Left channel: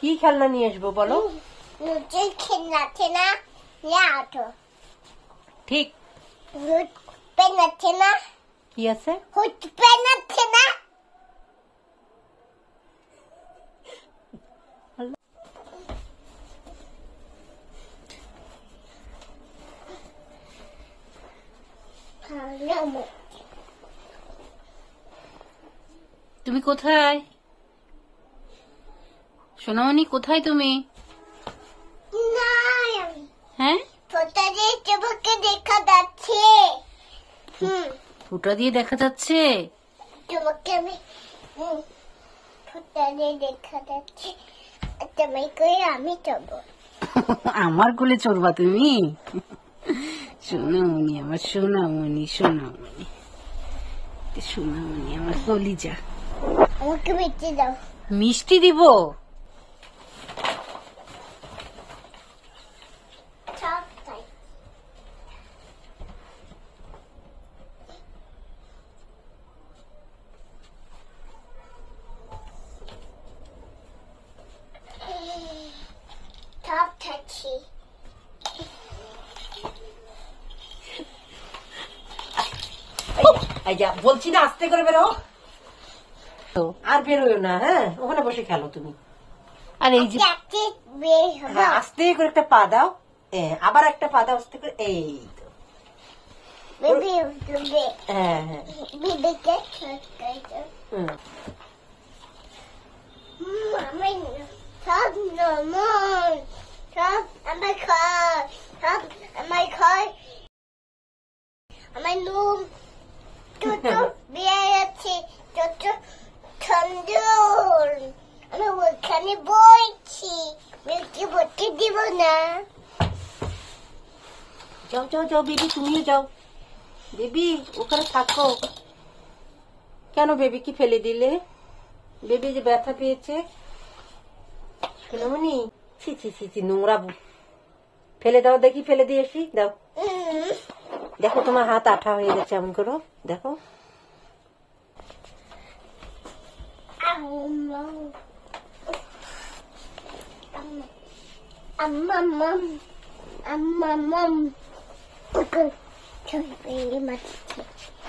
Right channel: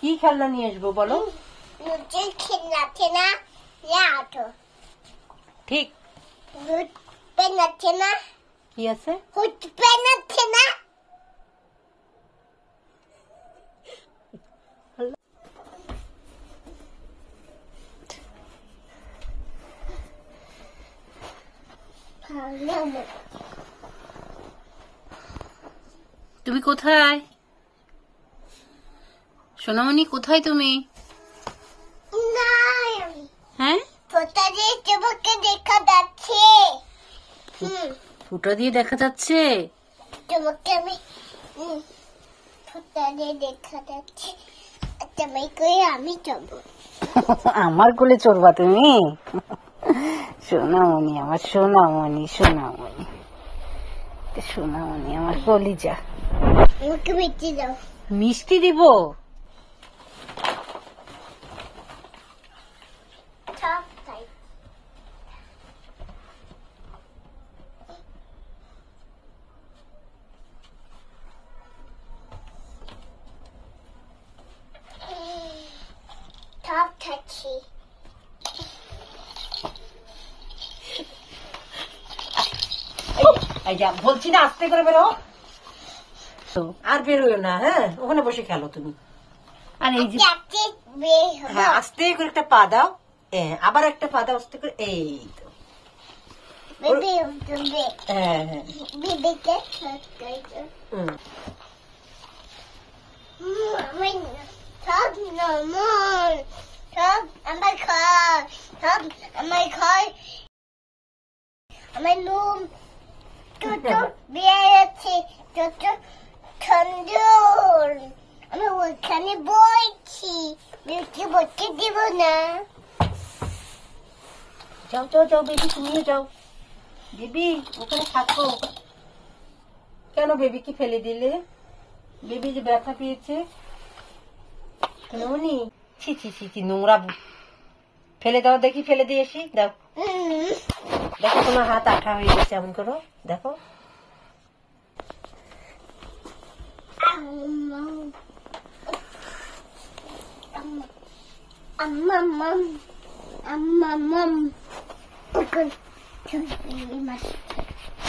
কি খেলনা নিয়ে আসবো বলো? ঠিক কি আছে? তুমি কোথায় সোনামণি? কোথায় তুমি? হ্যাঁ, ফুটা দিয়ে দেখা যাচ্ছে। তোমাকে আমি ফুটা দিয়ে দেখা যাচ্ছে। আমি যাবো। আমার কোলে চড়বা তুমি? সোনামণি আমার, সোনামণি সোনামণি সোনামণি আমার কলিজা। আমাকে মিষ্টি দাও। মিষ্টি দিব? বলছি না আস্তে করে বেরো, আর বেরোয় না। হ্যাঁ, ওখানে বসে খেলো তুমি। আর এই যে হ্যাঁ, আস্তে করে একটা পা দাও, আবার একটা পা দাও আস্তে করে। এই তো হ্যাঁ হ্যাঁ। আমার নুন বিয়ে আছে, সুন্দর। আমি ওখানে বইছি, বইতে দিব না। যাও যাও যাও বেবি, তুমিও যাও। বেবি ওখানে থাকো কেন? বেবি কি ফেলে দিলে? বেবি যে ব্যথা পেয়েছে। সোনামণি ছি ছি ছি ছি, নোংরা। ফেলে দাও দেখি, ফেলে দিয়ে আসি। দাও, দেখো তোমার হাত আঠা হয়ে গেছে। এমন করো, দেখো।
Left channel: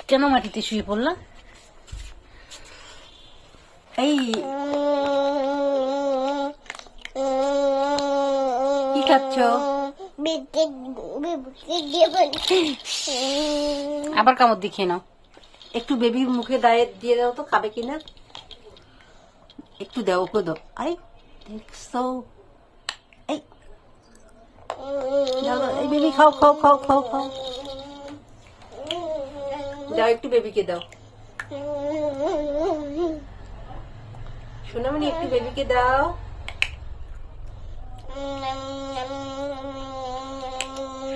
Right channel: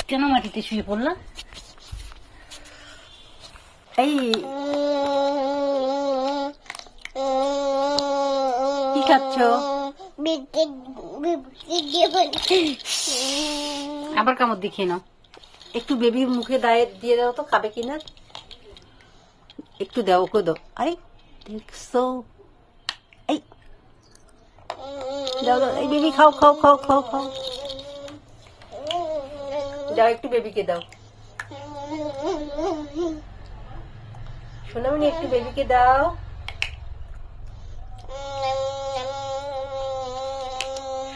কেন মাটিতে শুয়ে পড়লাম? এই কি খাচ্ছ? আবার কামড় দিয়ে খেয়ে নাও। একটু বেবির মুখে দিয়ে দাও তো, খাবে কিনা একটু দাও, ওকে দাও। আরে দেখছো, এই এই বেবি খাও খাও খাও খাও খাও। দাও একটু বেবিকে দাও। সোনামণি একটু বেবিকে দাও।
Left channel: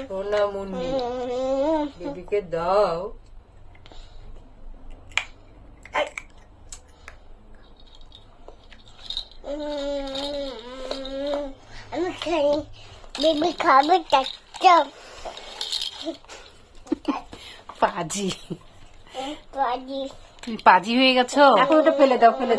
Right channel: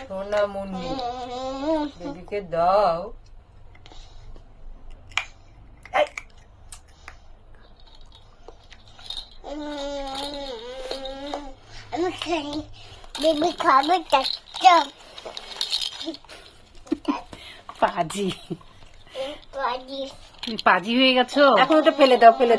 সোনামণি বেবিকে দাও। আমি খাই, বেবি খাবে। পাজি পাজি পাজি হয়ে গেছো। এখন ওটা ফেলে দাও, ফেলে